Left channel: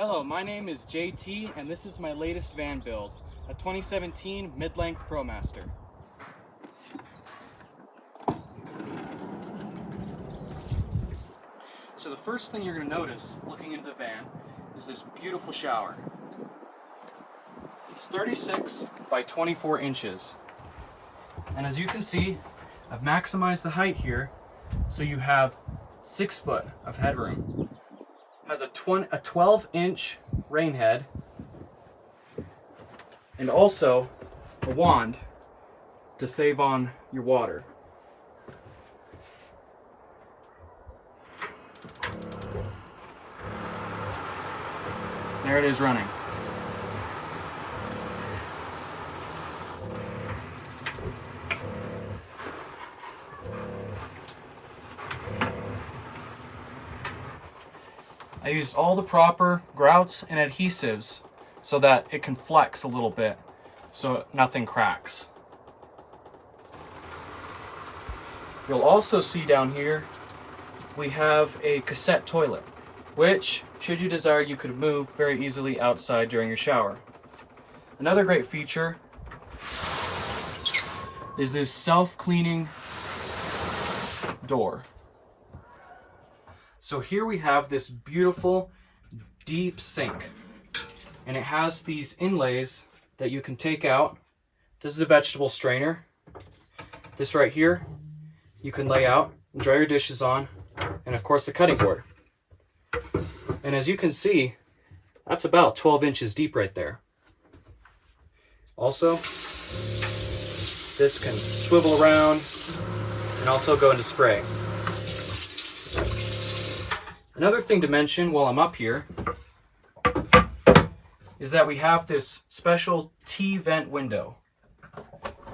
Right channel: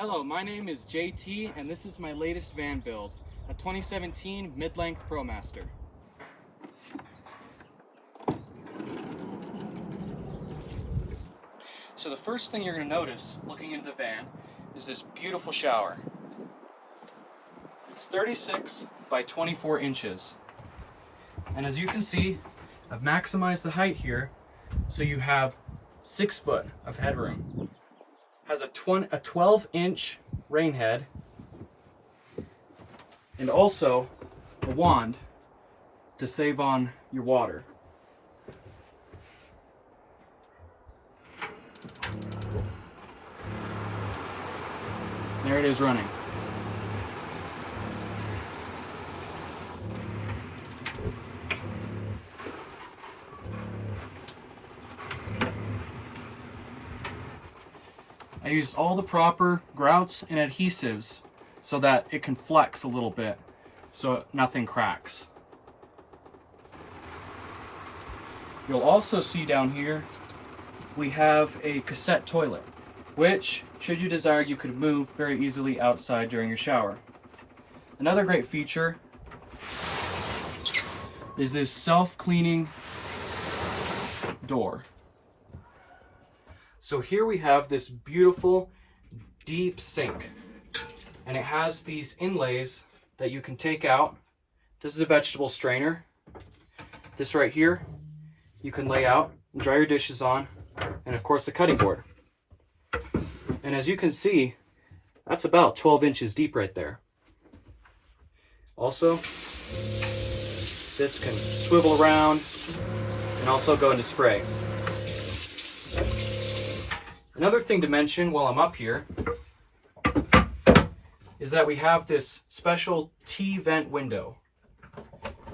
Hello, my name is JT and this is my latest van build, a 2017 mid-length ProMaster. So the first thing you're going to notice looking into the van is this beautiful shower. It's 36 by 24 inches. And as you can see, I've maximized the height here so you have 6 foot of headroom. Has a 12-inch rain head and also a wand to save on your water. There it is running. I used all the proper grouts and adhesives so that it can flex a little bit so nothing cracks. You'll also see down here we have a cassette toilet, which, should you desire, you could move very easily outside during your shower. Another great feature is this self-cleaning door. So here we have this beautiful deep sink, and it has these inlays that you can take out. This is a vegetable strainer. This right here you can lay out and dry your dishes on, and of course the cutting board. And as you can see, that's about 12 inches deep right there. Also, this can swivel around and also go into spray. Another thing to mention while I'm up here is that we have this special T-vent window,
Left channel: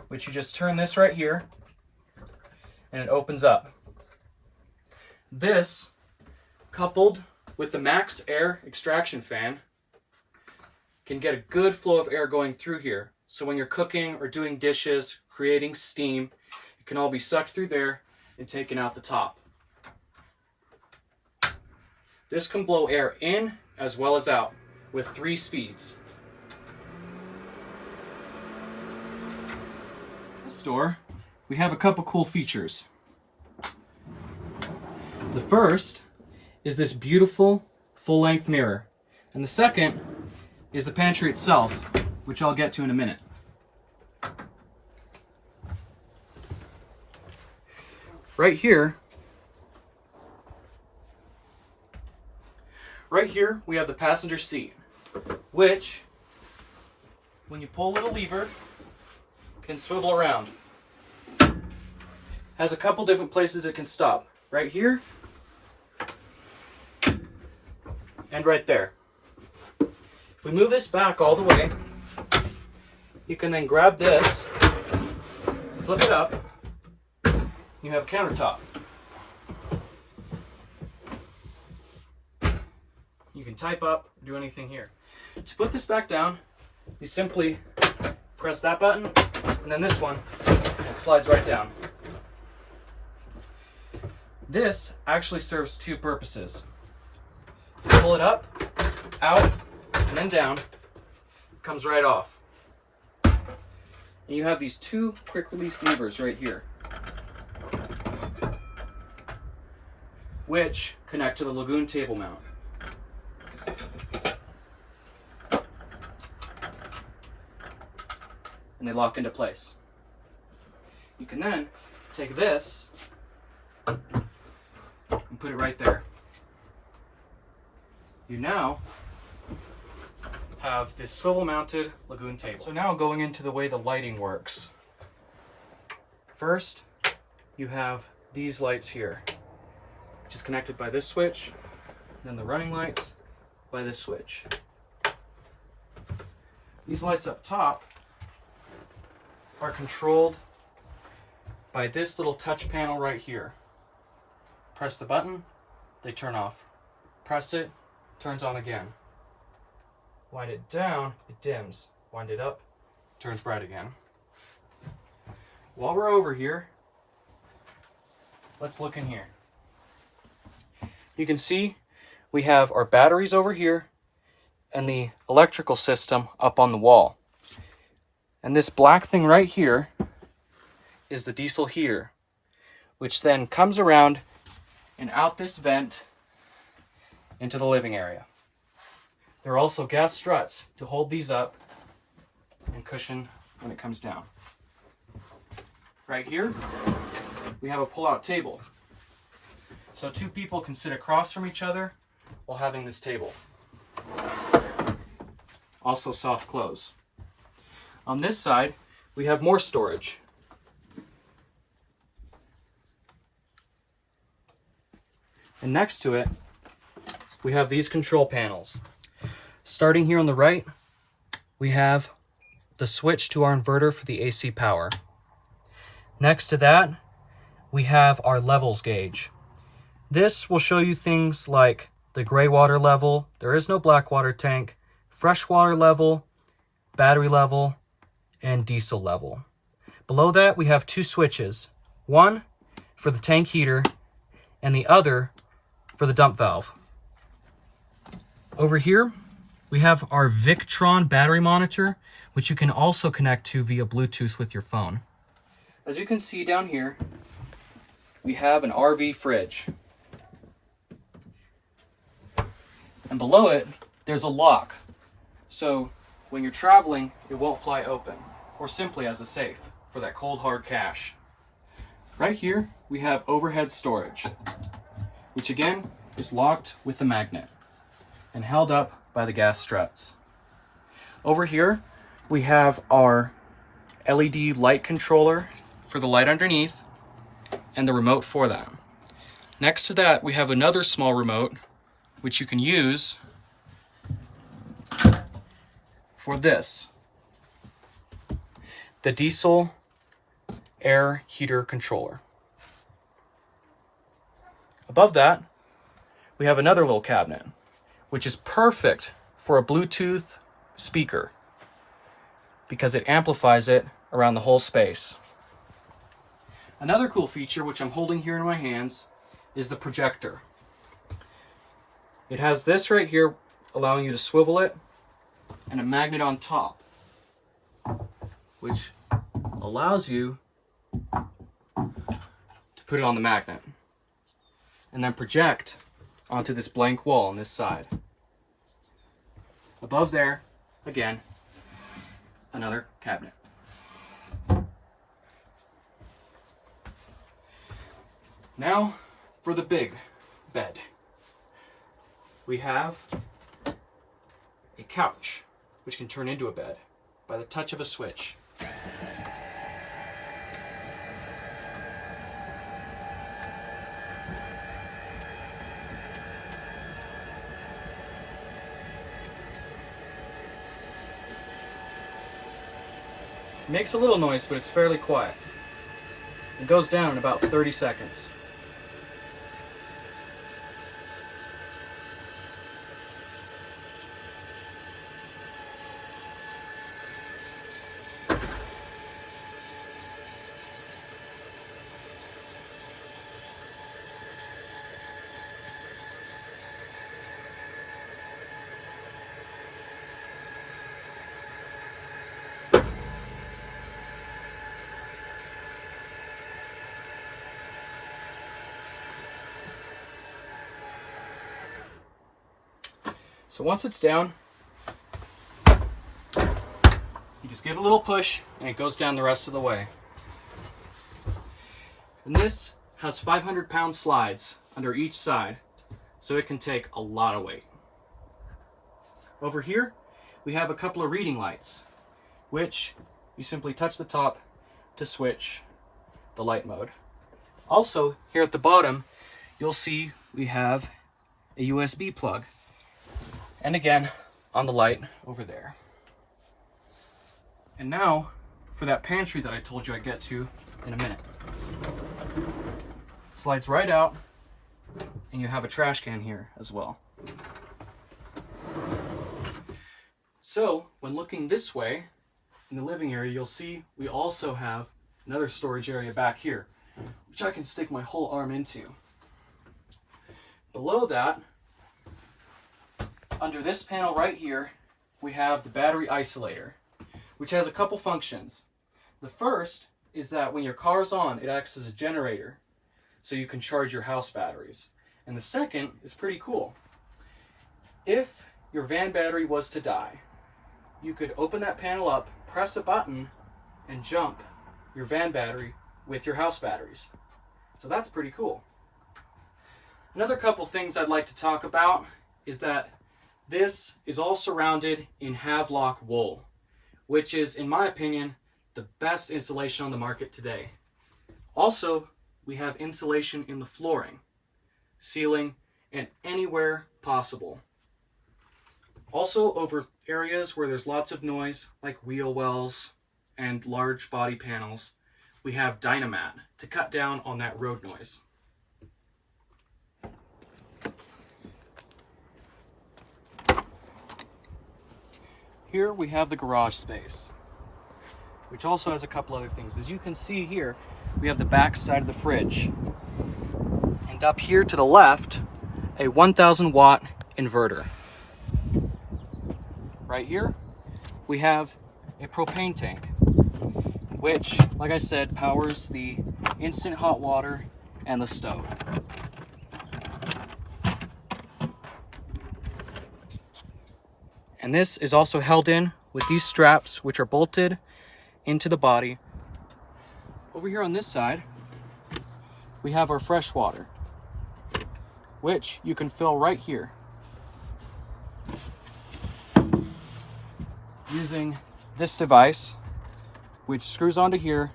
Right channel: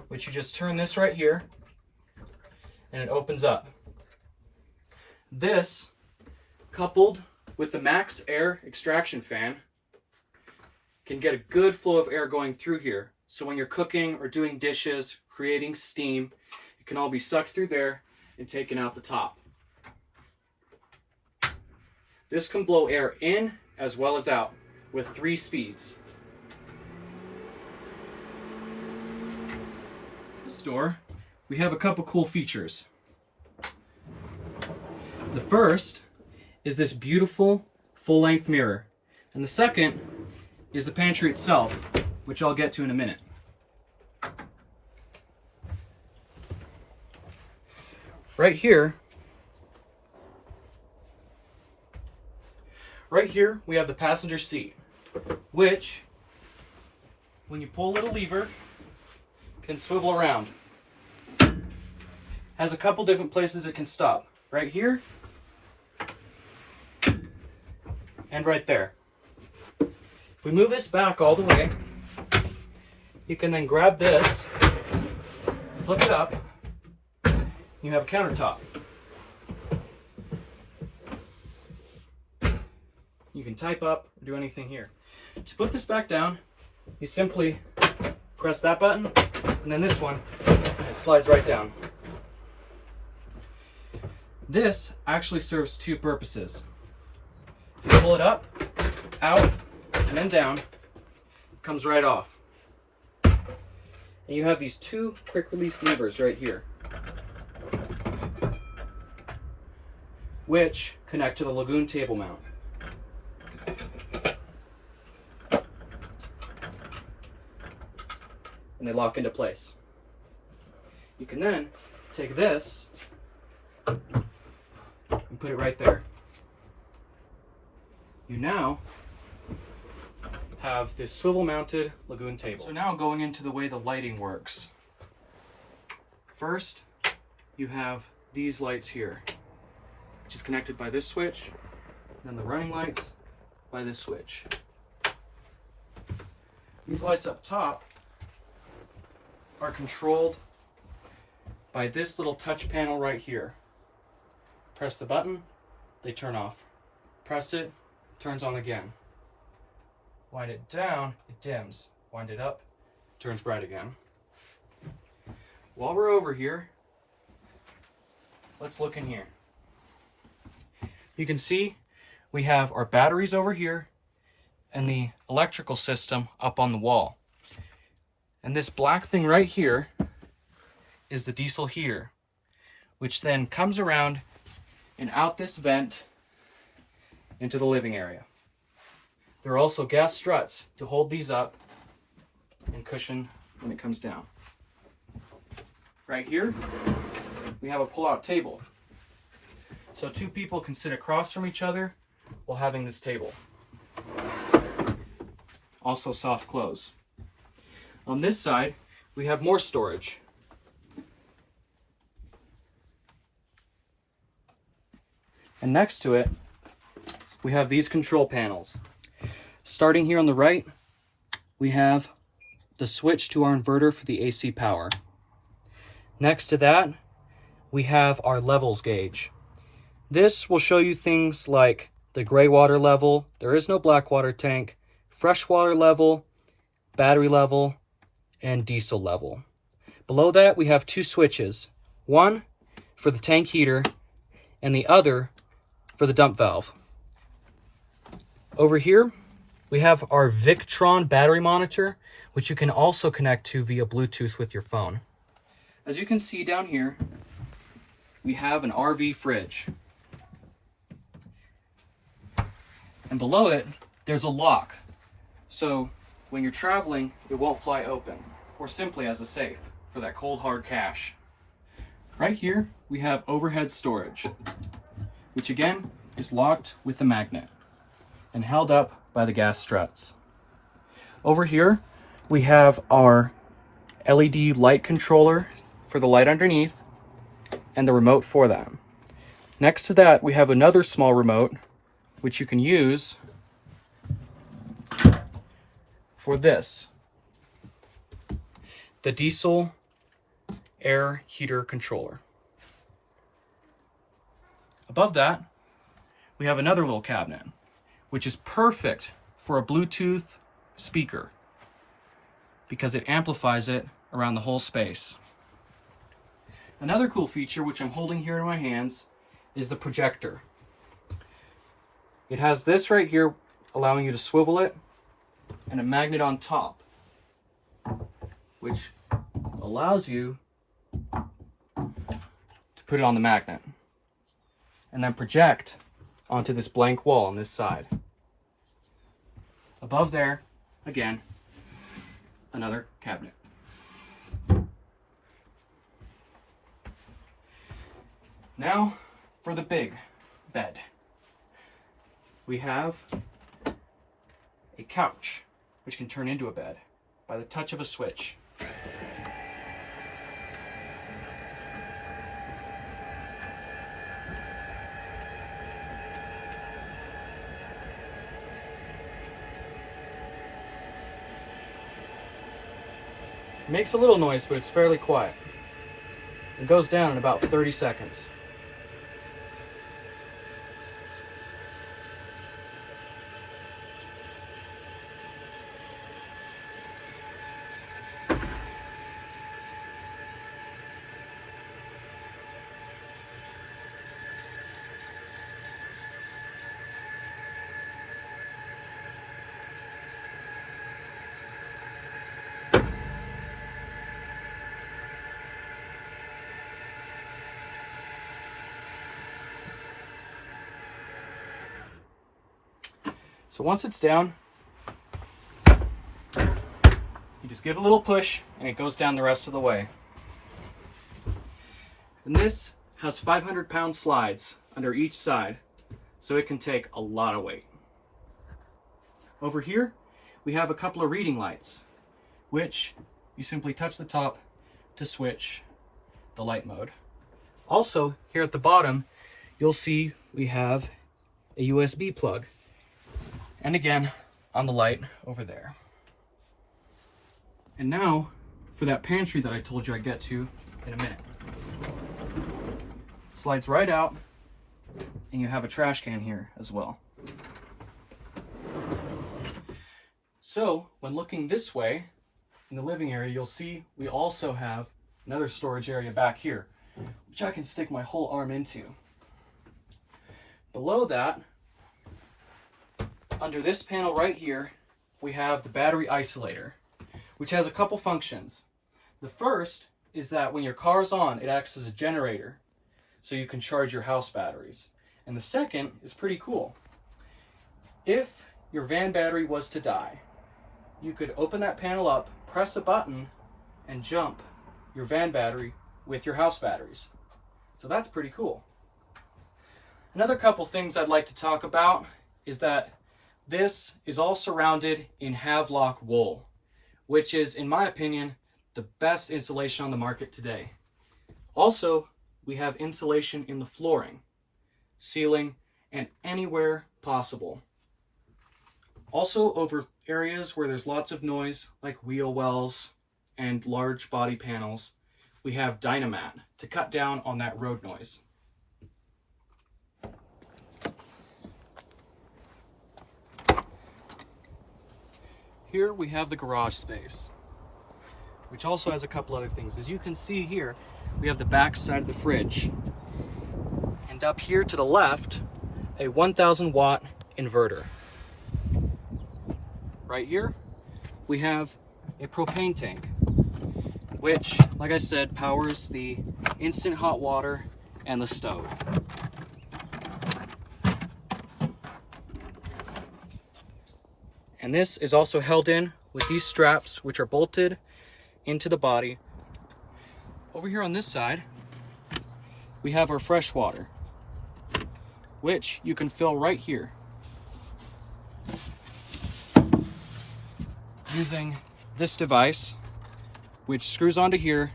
which you just turn this right here and it opens up. This, coupled with the max air extraction fan, can get a good flow of air going through here. So when you're cooking or doing dishes, creating steam, it can all be sucked through there and taken out the top. This can blow air in as well as out with 3 speeds. This door, we have a couple cool features. The first is this beautiful full-length mirror, and the second is the pantry itself, which I'll get to in a minute. Right here we have the passenger seat, which, when you pull a little lever, can swivel around. Has a couple different places it can stop. Right here and right there. If we move this back all the way, you can then grab this, flip it up, you have a countertop. You can type up or do anything here. To put this back down, you simply press that button and then this one, and it slides right down. This actually serves 2 purposes. You pull it up, out, and then down, it comes right off. And you have these 2 quick release levers right here, which connect to the Lagoon table mount. And they lock into place. You can then take this and put it right there. You now have this swivel mounted Lagoon table. So now going into the way the lighting works. First, you have these lights here, which is connected by this switch, and then the running lights by this switch. These lights up top are controlled by this little touch panel right here. Press the button, they turn off. Press it, turns on again. Wind it down, it dims. Wind it up, turns bright again. While we're over here, let's look in here. You can see we have our batteries over here and the electrical system up on the wall. And this black thing right here is the diesel heater, which then comes around and out this vent into the living area. There are also gas struts to hold these up and cushion when it comes down. Right here, we have a pull-out table. So 2 people can sit across from each other while having this table. Also soft close. On this side, we have more storage. And next to it, we have these control panels. Starting here on the right, we have the switch to our inverter for the AC power. Next to that, we have our levels gauge. This will show you things like the gray water level, there is no black water tank, fresh water level, battery level, and diesel level. Below that, we have 2 switches. One for the tank heater and the other for the dump valve. Over here, we have our Victron battery monitor, which you can also connect to via Bluetooth with your phone. As you can see down here, we have an RV fridge. And below it, there's a lock. So when you're traveling, it won't fly open, or simply as a safe for that cold hard cash. Right here, we have overhead storage, which again is locked with a magnet and held up by the gas struts. Over here, we have our LED light controller for the light underneath and the remote for that. Next to that, we have another small remote which you can use for this, the diesel air heater controller. Above that, we have another little cabinet, which is perfect for a Bluetooth speaker because it amplifies it around the whole space. Another cool feature, which I'm holding here in my hands, is the projector. It has this right here, allowing you to swivel it, and a magnet on top, which allows you to put it on the magnet and then project onto this blank wall on this side. Above there, again, another cabinet. Now for the big bed. We have a couch, which can turn into a bed by the touch of a switch. It makes a little noise, but it's fairly quiet. It goes down in about 30 seconds. So once it's down, you just give it a little push and it goes down the rest of the way. And this has 500-pound slides under each side, so it can take a lot of weight. Over here, we have a couple of reading lights, which you simply touch the top to switch the light mode. Also, here at the bottom, you'll see we have a USB plug. And again, on the light over there. And now, for that pantry that I told you I'd get to in a minute. Slides right out, and you have a trash can here as well. So, when looking this way, in the living area, you'll see we also have another storage area back here, which I can stick my whole arm into. Below that, under this panel right here, we have the battery isolator, which has a couple functions. The first is that when your car's on, it acts as a generator, so you can charge your house batteries. And the second is pretty cool. If your van battery was to die, you could open that panel up, press a button, and jump your van battery with your house batteries. So that's pretty cool. Another couple things I'd like to talk about is that this is all surrounded in Havelock wool, which is, in my opinion, the best insulation on the market today. Also, we have insulation in the flooring, ceiling, and anywhere possible. Also, over areas where there's lots of noise, like wheel wells and large body panels, we have Dynamat to cut down on that road noise. Here we have the garage space, which also has a couple other things. As you can see here, we have the back side of the fridge. And up here to the left, a 1000 watt inverter. Right here, we have a propane tank, which, like I said, powers the instant hot water and the stove. And this is also held in with these straps, which are bolted into the body. Over here on this side, we have our fresh water, which you can fill right here using this device, which screws onto here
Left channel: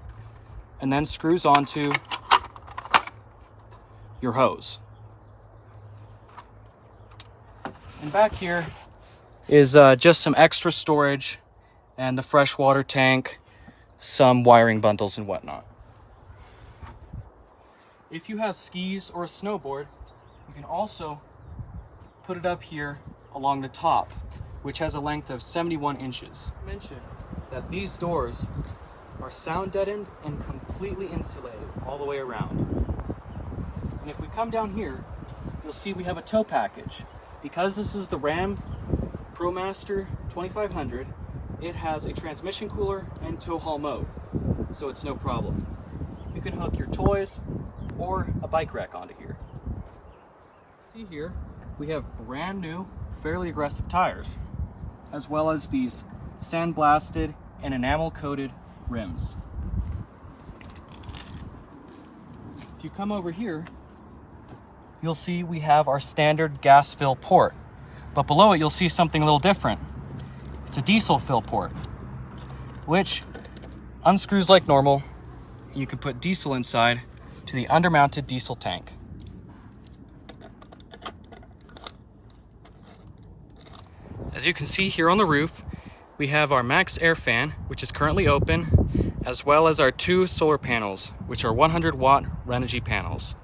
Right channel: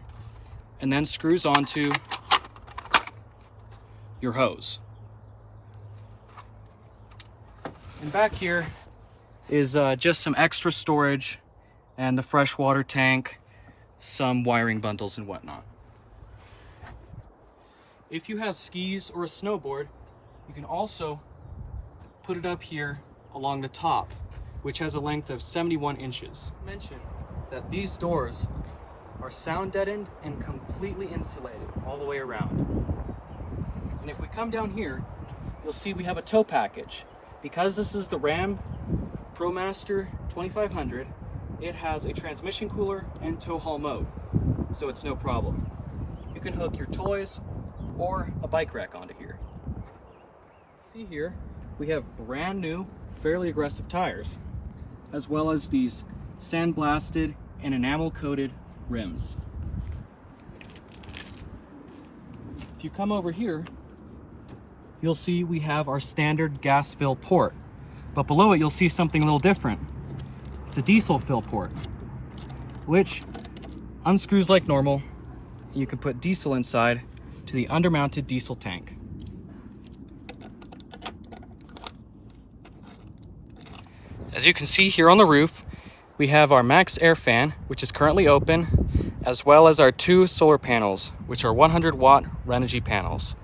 and then screws onto your hose. And back here is just some extra storage and the freshwater tank, some wiring bundles and whatnot. If you have skis or a snowboard, you can also put it up here along the top, which has a length of 71 inches. Mention that these doors are sound deadened and completely insulated all the way around. And if we come down here, you'll see we have a tow package. Because this is the Ram ProMaster 2500, it has a transmission cooler and tow haul mode, so it's no problem. You can hook your toys or a bike rack onto here. See here, we have brand new, fairly aggressive tires, as well as these sandblasted and enamel coated rims. If you come over here, you'll see we have our standard gas fill port, but below it you'll see something a little different. It's a diesel fill port, which unscrews like normal. You can put diesel inside to the undermounted diesel tank. As you can see here on the roof, we have our max air fan, which is currently open, as well as our 2 solar panels, which are 100 watt Renogy panels.